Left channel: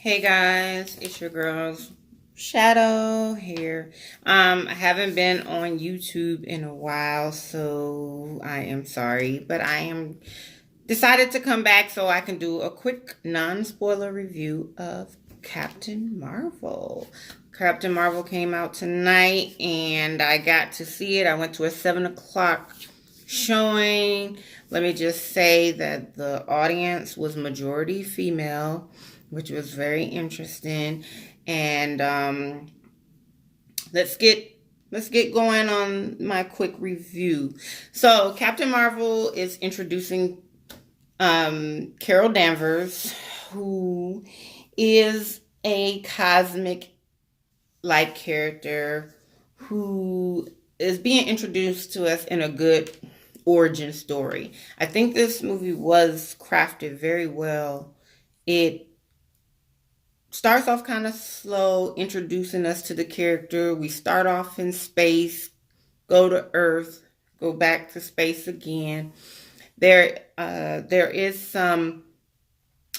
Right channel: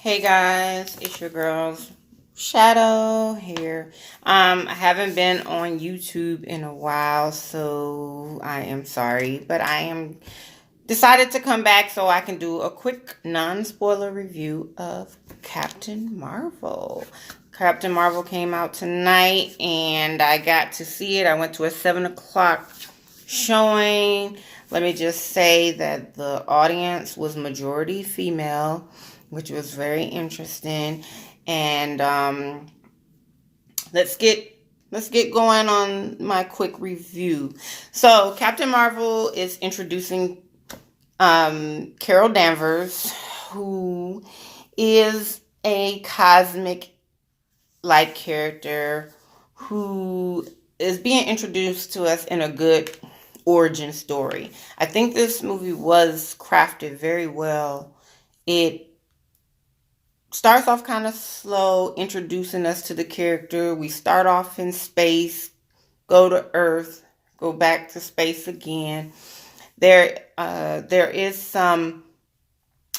Hey guys, it's your girls Shadow here. I haven't been on YouTube in a while, so I am sorry, but I am decided to come back so I can do a quick non-spoiler review of Captain Marvel. Captain Marvel came out tonight and I got to see it. I went to a 7 o'clock showing. Let me just say that the audience was majority female, which was very interesting. And let's get going on my quick review. So Captain Marvel is introducing Carol Danvers, who is a cosmic like character who is being introduced to us in a good origin story. I think this movie was crafted very well. It starts off kind of slow, introducing us to the character. We start off in space, go to Earth, go back to space again. There is a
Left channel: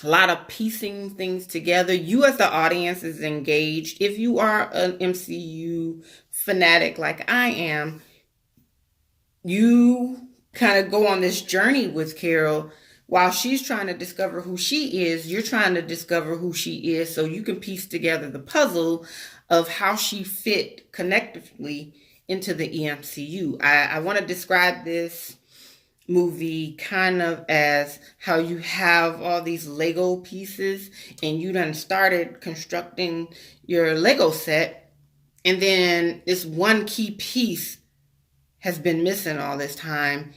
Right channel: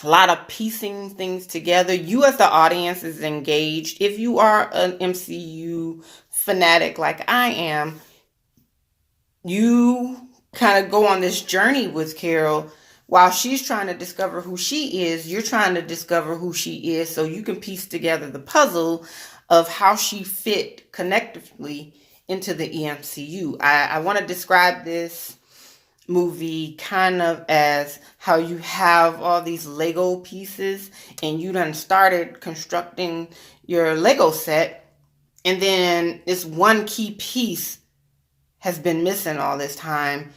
lot of piecing things together. You as the audience is engaged. If you are an MCU fanatic like I am, you kind of go on this journey with Carol. While she's trying to discover who she is, you're trying to discover who she is so you can piece together the puzzle of how she fit connectively into the EMCU. I want to describe this movie kind of as how you have all these Lego pieces and you done started constructing your Lego set, and then this one key piece has been missing all this time,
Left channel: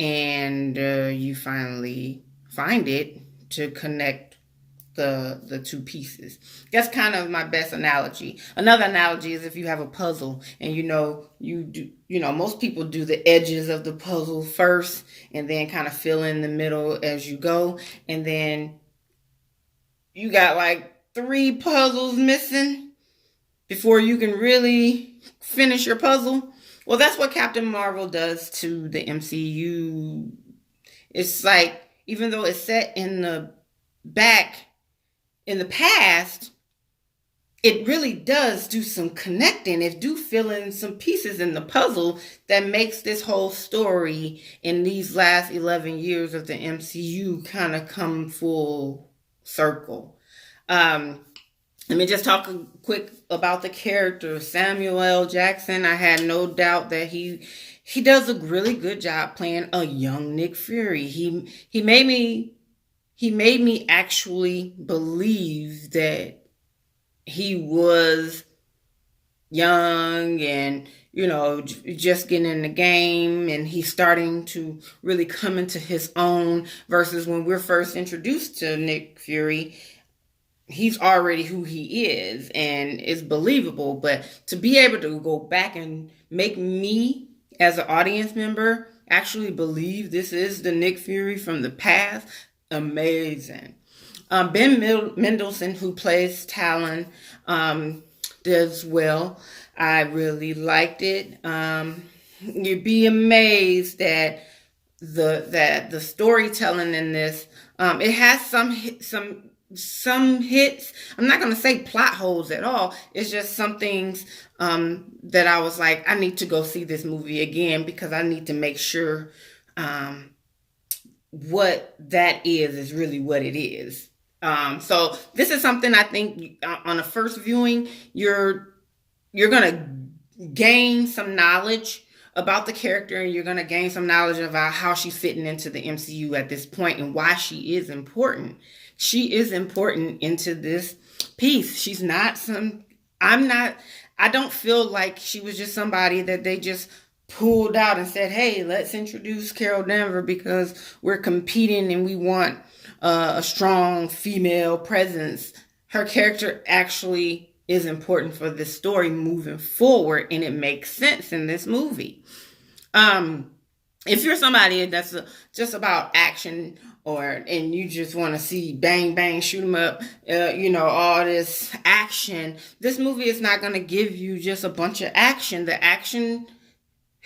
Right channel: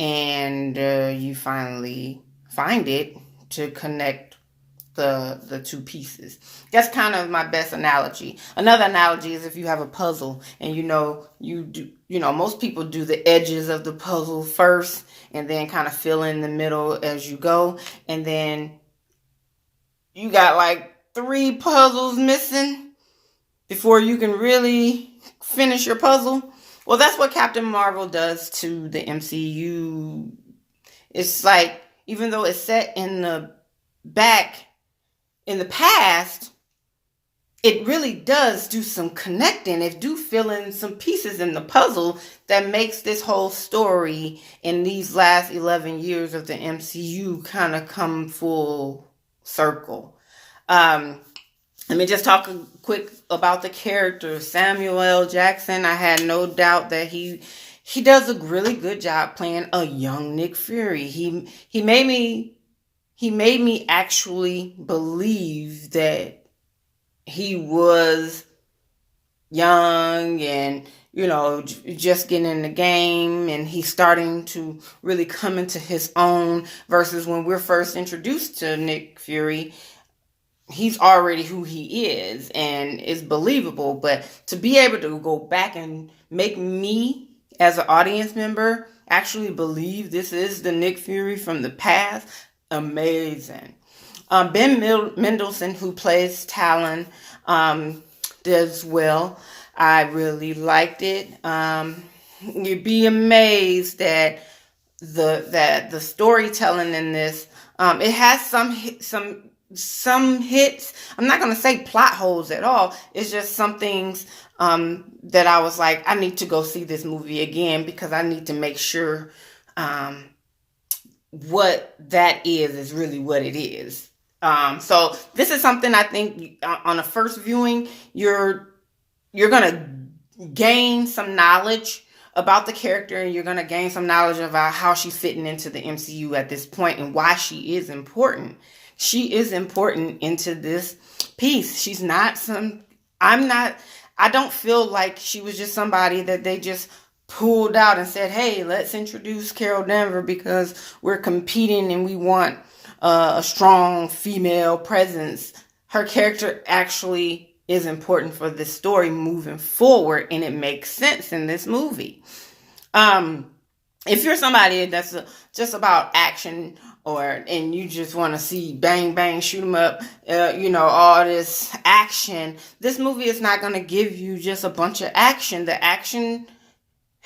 and you finally find it to connect the two pieces. That's kind of my best analogy. Another analogy is if you have a puzzle and most people do the edges of the puzzle first and then kind of fill in the middle as you go, and then you got like 3 puzzles missing before you can really finish your puzzle. Well, that's what Captain Marvel does to the MCU. It's like, even though it's set in the past, it really does do some connecting. It do fill in some pieces in the puzzle that makes this whole story in these last 11 years of the MCU kind of come full circle. Let me just talk quick about the character. Samuel L. Jackson, I had no doubt that he does a really good job playing a young Nick Fury. He made me actually believe that he was young and, just getting in the game, and he's starting to really come into his own, versus when we're first introduced to Nick Fury, he's already who he is and is believable. But to be able to go back and make me as an audience member actually believe this is the Nick Fury from the past, amazing. Ben Mendelsohn, who plays Talon, does well. I really liked it. You'd be amazed that the storytelling in this, it has some hits. I'm not going to say plot holes at all. It's just some things that I was like, I need to go see this movie again because I need to make sure what that is really what it is. So this is something I think on a first viewing, you're going to gain some knowledge about the character, and you're going to gain some knowledge about how she's fitting into the MCU at this point and why she is important. She is important into this piece. She's not I don't feel like she was just somebody that they just pulled out and said, hey, let's introduce Carol Danvers because we're competing and we want a strong female presence. Her character actually is important for this story moving forward, and it makes sense in this movie. If you're somebody that's just about action, and you just want to see bang bang, shoot 'em up, all this action, this movie is not going to give you just a bunch of action. The action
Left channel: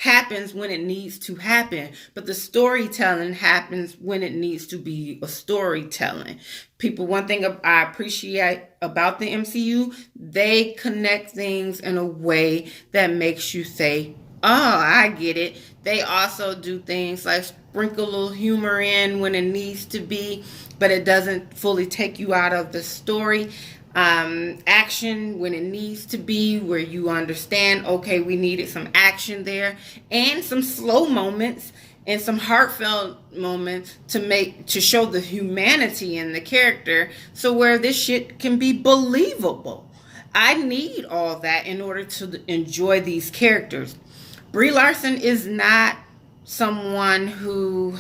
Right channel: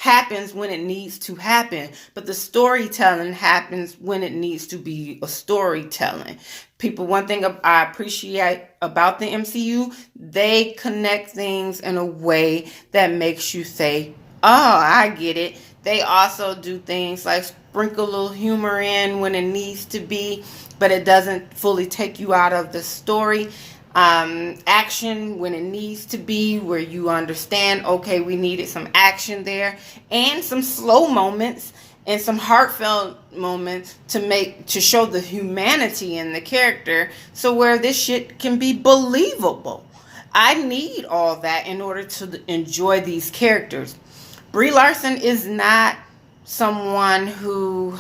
happens when it needs to happen, but the storytelling happens when it needs to be a storytelling. People, one thing I appreciate about the MCU, they connect things in a way that makes you say, oh, I get it. They also do things like sprinkle a little humor in when it needs to be, but it doesn't fully take you out of the story. Action when it needs to be, where you understand, okay, we needed some action there, and some slow moments and some heartfelt moments to show the humanity in the character, so where this shit can be believable. I need all that in order to enjoy these characters. Brie Larson is not someone who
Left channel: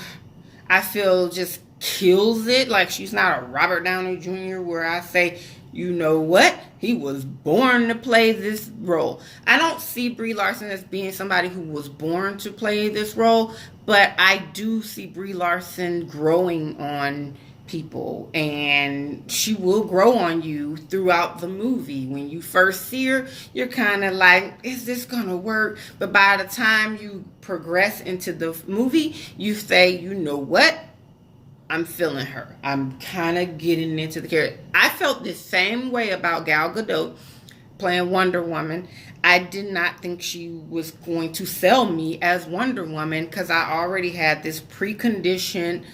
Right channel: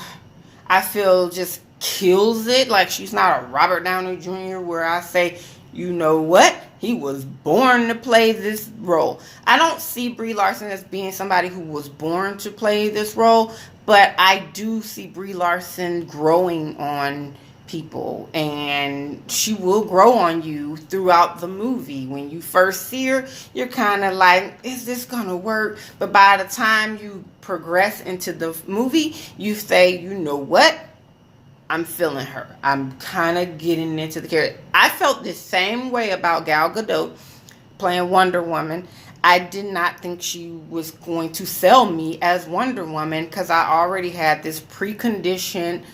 I feel just kills it. Like, she's not a Robert Downey Jr. where I say, you know what? He was born to play this role. I don't see Brie Larson as being somebody who was born to play this role, but I do see Brie Larson growing on people, and she will grow on you throughout the movie. When you first see her, you're kind of like, is this gonna work? But by the time you progress into the movie, you say, you know what? I'm feeling her. I'm kind of getting into the character. I felt the same way about Gal Gadot playing Wonder Woman. I did not think she was going to sell me as Wonder Woman because I already had this preconditioned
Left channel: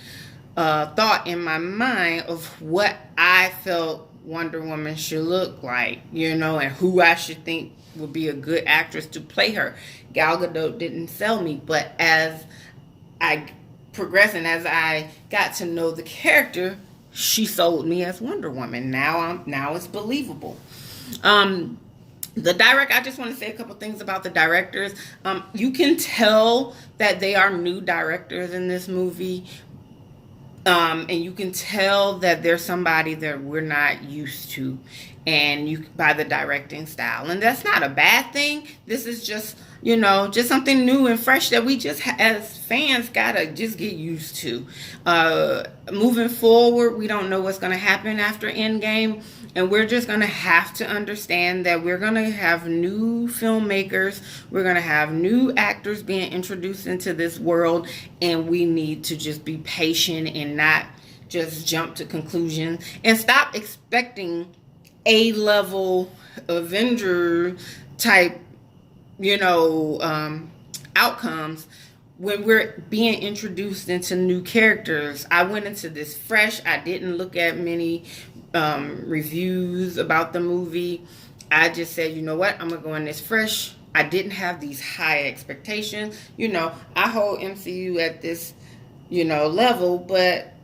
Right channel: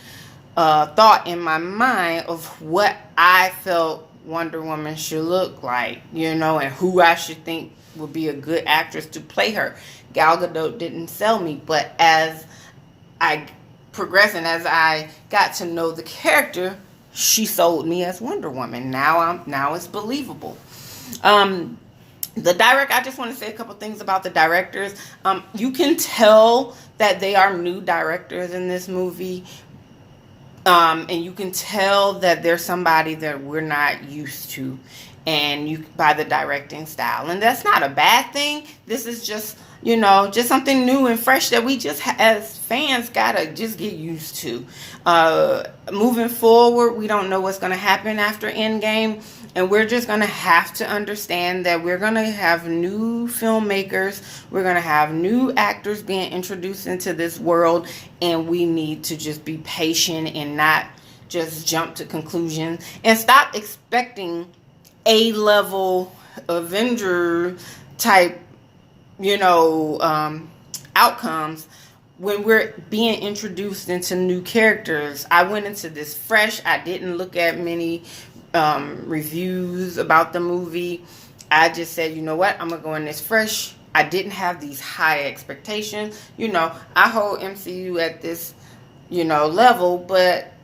thought in my mind of what I felt Wonder Woman should look like, and who I should think would be a good actress to play her. Gal Gadot didn't sell me, but as I progressed and as I got to know the character, she sold me as Wonder Woman. Now it's believable. The director, I just want to say a couple things about the directors. You can tell that they are new directors in this movie. And you can tell that there's somebody that we're not used to, and by the directing style. And that's not a bad thing. This is just, just something new and fresh that we just, as fans, gotta just get used to. Moving forward, we don't know what's going to happen after Endgame, and we're just going to have to understand that we're going to have new filmmakers, we're going to have new actors being introduced into this world, and we need to just be patient and not just jump to conclusions, and stop expecting A-level Avenger type, outcomes when we're being introduced into new characters. I went into this fresh. I didn't look at many reviews about the movie. I just said, you know what? I'm going to go in this fresh. I didn't have these high expectations. I hold MCU at this, level, but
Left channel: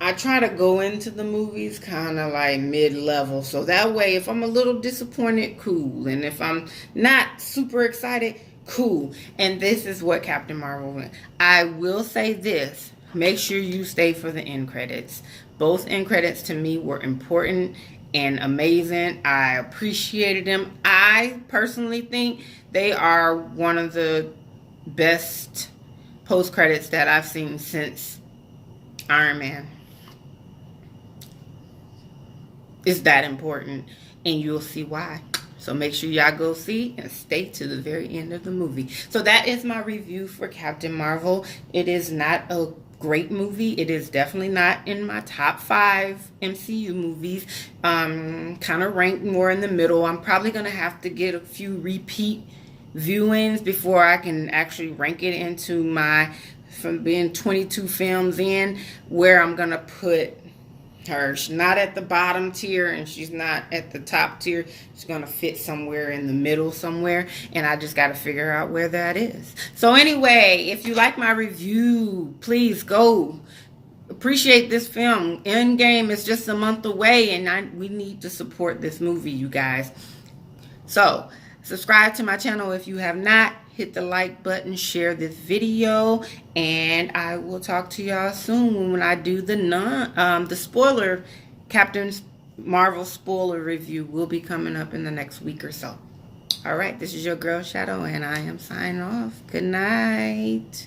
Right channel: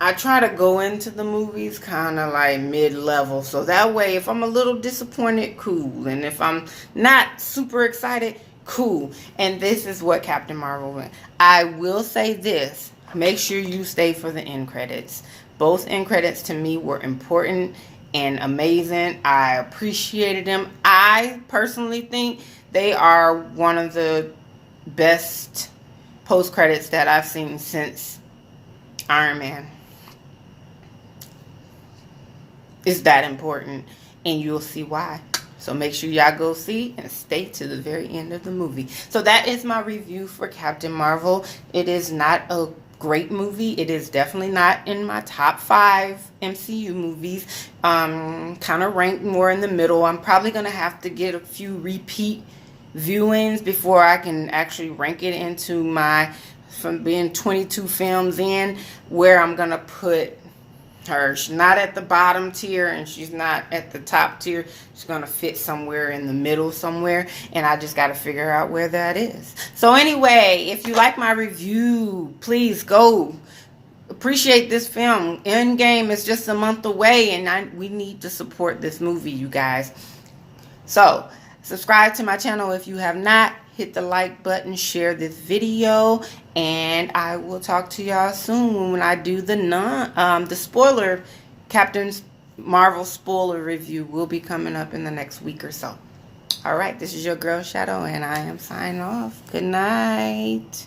I try to go into the movies kind of like mid-level. So that way, if I'm a little disappointed, cool. And if I'm not super excited, cool. And this is what Captain Marvel went. I will say this. Make sure you stay for the end credits. Both end credits to me were important and amazing. I appreciated them. I personally think they are one of the best post-credits that I've seen since Iron Man. It's that important, and you'll see why. So make sure y'all go see and stay to the very end of the movie. So that is my review for Captain Marvel. It is not a great movie. It is definitely not in my top 5 MCU movies. Kind of ranked more in the middle. I'm probably going to have to get a few repeat viewings before I can actually rank it into from being 22 films in, where I'm going to put her. She's not at the bottom tier and she's not at the top tier. She's going to fit somewhere in the middle somewhere, and I just got to figure out where that is. So anyway, if you like my review, please go appreciate this film. Endgame is just a month away, and we need to support this movie, you guys. So subscribe to my channel if you have not. Hit the like button, share this video, and I will talk to y'all soon when I do the spoiler, Captain Marvel spoiler review will be coming up in the next week or so. All right, this is your girl Shadow, and I am signing off. Good night.